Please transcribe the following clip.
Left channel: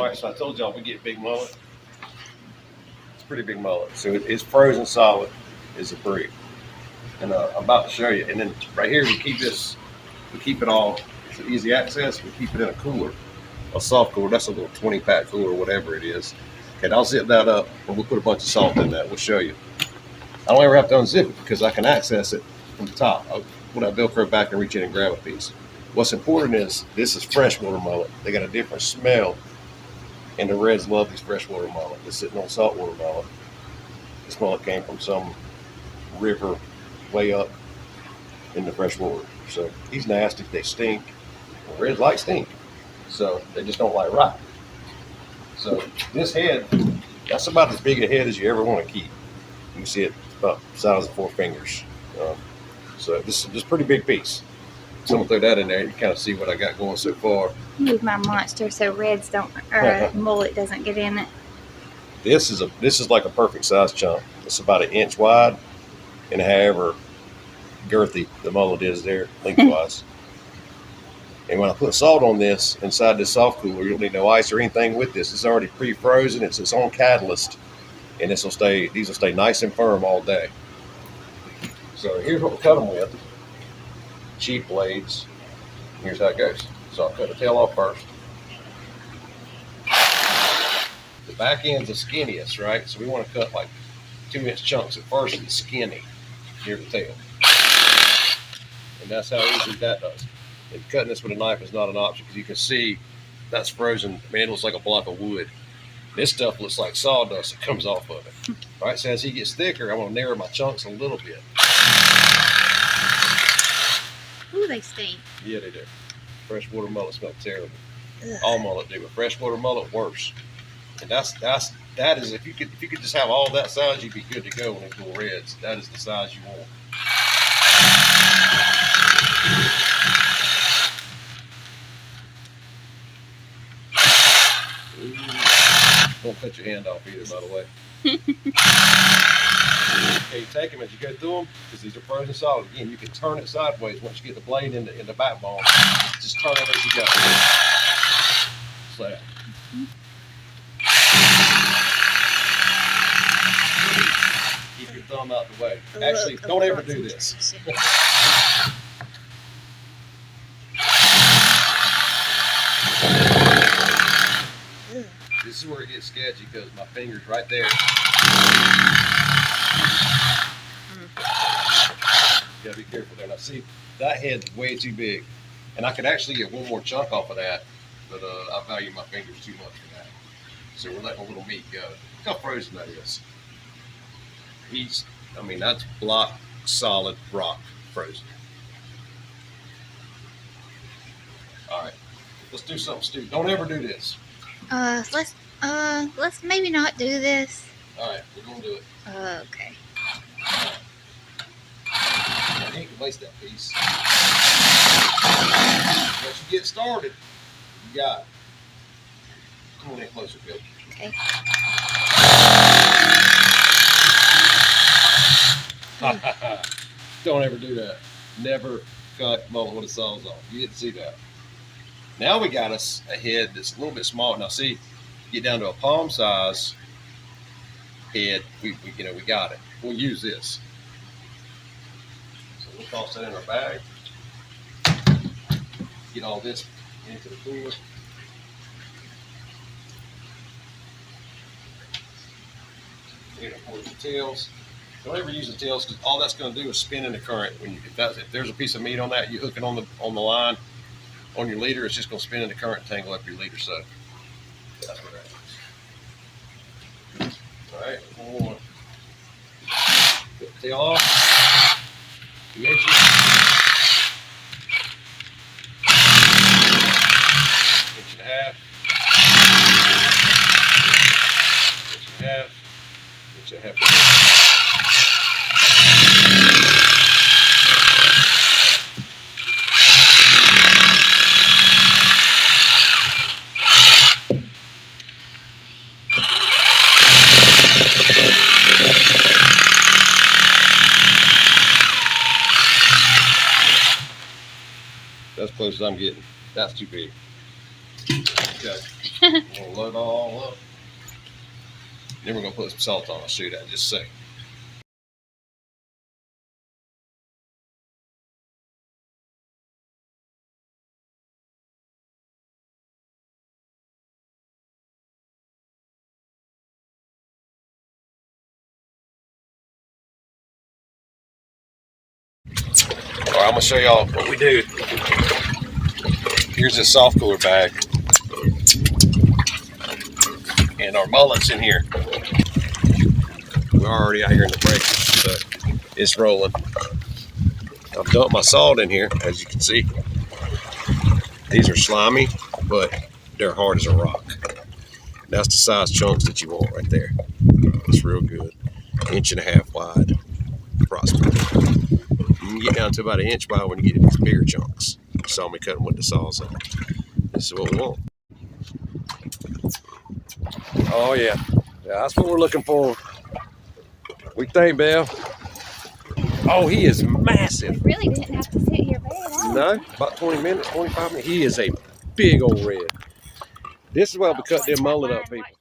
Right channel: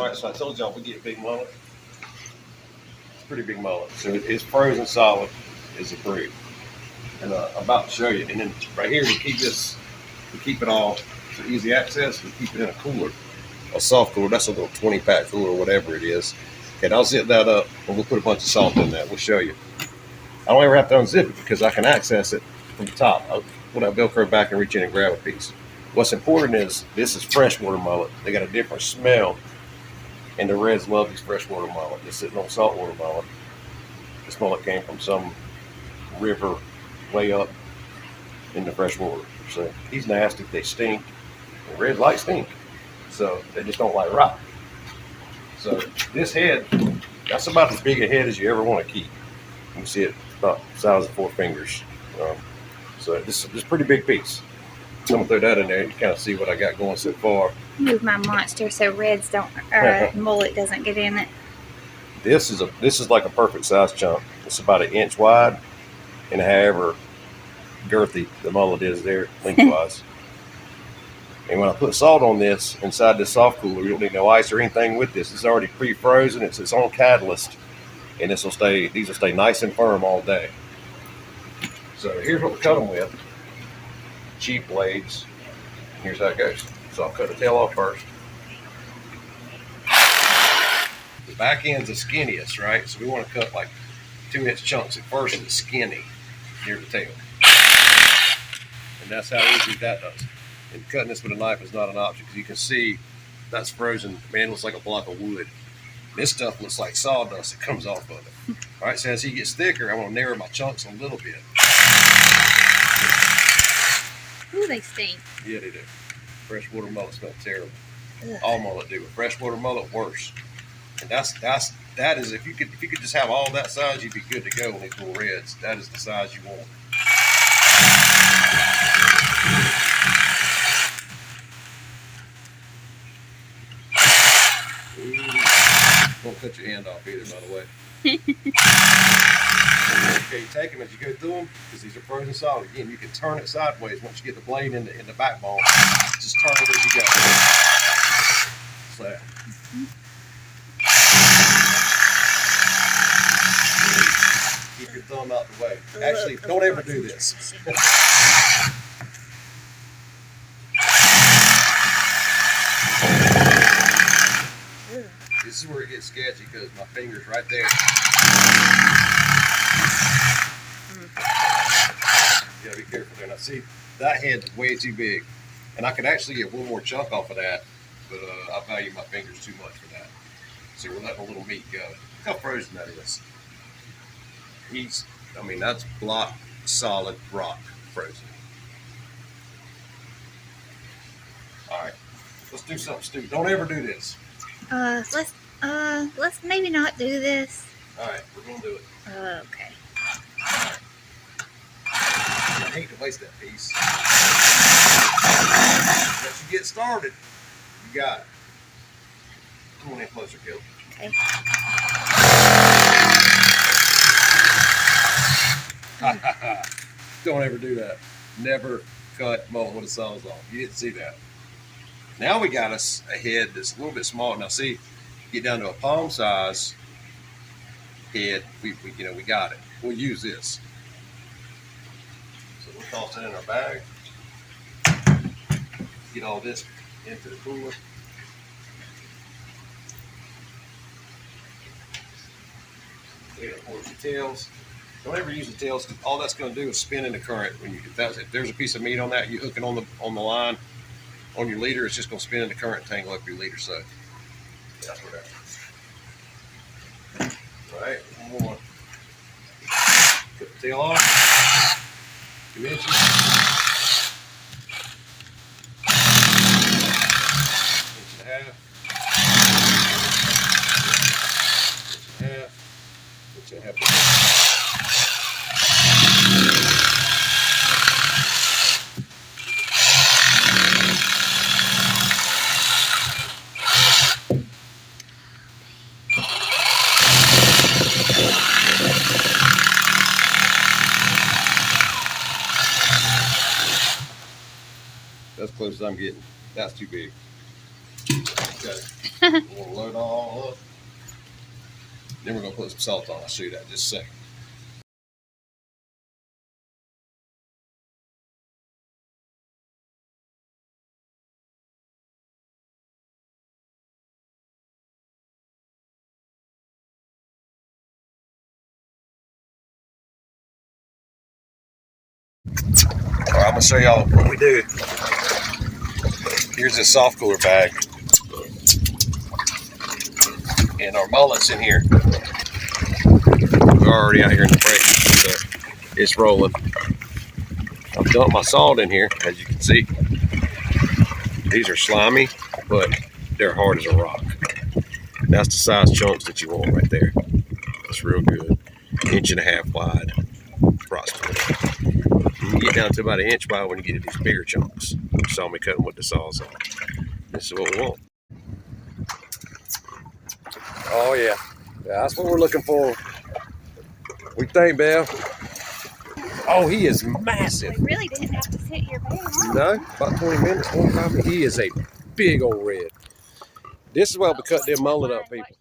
All right, so I told y'all we get big mullet. It's pretty big mullet. So it's frozen solid is approved. And I'm about to show you. And then right here we keep this, we keep it all for easy access. We keep it in a cooler, a soft cooler. That's a little 20-pack cooler, whatever it is. Okay, I'll zip that up and we'll put a bunch of salt in that. We'll show you. I don't ever have to unzip it because I can access it from the top. When I Velcro back and reach in and grab a piece. What's important is this is freshwater mullet. They got a different smell, and the reds love these freshwater mullet. They're sitting on saltwater mullet. This mullet came from some river way up in the freshwater. So he's nasty. They stink. And reds like stink. So they just don't like rock. So this head, that's about as big a head as you ever want to keep. You can see it about the size of 4 fingers. So this is a pretty big piece. So I'm gonna throw that in there. You kind of see what I got going so far. Move my monster so reds don't, or mullet doesn't get in it. This is like a perfect size chunk. It's about 1 inch wide, and however girthy the mullet is there lengthwise. And when I put salt on this inside this soft cooler, you don't need no ice or anything with this. It's already pre-frozen. It's its own catalyst, and these will stay nice and firm all day. So here's what we cut them with. Cheap blades. Here's how it goes. So I'll cut the tail off first. The back end's the skinniest, right? So we want to cut like 2-inch chunks at first and skinny near the tail. And that's how easy that does. And cutting this with a knife is not an option because you can see that's frozen. Man, it looks like a block of wood. This stuff looks like sawdust that comes off of it. All right, so as he gets thicker, I want to narrow my chunks a little bit. Ooh, they stink. Yeah, they do. Freshwater mullet smell terrible. Ugh. All mullet do, but freshwater mullet worse. And that is if you could just have all that size, you'd be good to go on these little reds. That is the size you want. Ooh. Don't cut your hand off either, by the way. Okay, you take them as you go through them because these are frozen solid. Again, you can turn it sideways once you get the blade in the backbone. Just turn it as you go. Just like that. Keep your thumb out the way. Actually, don't ever do this. This is where it gets sketchy because my finger's right there. Yeah, be careful there. Now see, that head's way too big. And I could actually get one more chunk off of that, but I value my fingers too much for that. So we're letting a little meat go. Look how frozen that is. That's block solid rock frozen. All right, let's do something stupid. Don't ever do this. Let's maybe not do this. All right, we're gonna do it. Okay. I hate to waste that piece. Once you get started, you got it. Come on in closer, Gil. Okay. Don't ever do that. Never cut mullet with a sawzall. You didn't see that. Now we got us a head that's a little bit smaller. Now see, get down to a palm size head. We got it. We'll use this. So we'll toss that in our bag. Get all this into the cooler. The tails. Don't ever use the tails because all that's going to do is spin in the current. If there's a piece of meat on that, you hook it on the line on your leader, it's just going to spin in the current and tangle up your leader. So yeah, that's what that is. All right, one more. Put the tail off. 2 inches. Inch and a half. Inch and a half. Inch and a half. That's as close as I'm getting. That's too big. Okay. We'll load all up. Then we're gonna put some salt on. I'll show you that in just a second. All right, I'm gonna show y'all what we do. Here's this soft cooler bag, and our mullet's in here. We're already out here in the breakfast, so it's rolling. I've dumped my salt in here, as you can see. These are slimy, but they're hard as a rock. That's the size chunks that you want right there. It's real good. 1.5 wide, approximately. You can get down to about 1 inch wide when you get these bigger chunks. You saw me cutting with the sawzall. This is what we want. Oh yeah, that's what we're looking for. We think, Bev. Oh, he is massive. We really didn't have to sit here very long. No, about 20 minutes, 25 minutes. He is a big old red. This is why we cut them mullet up, people.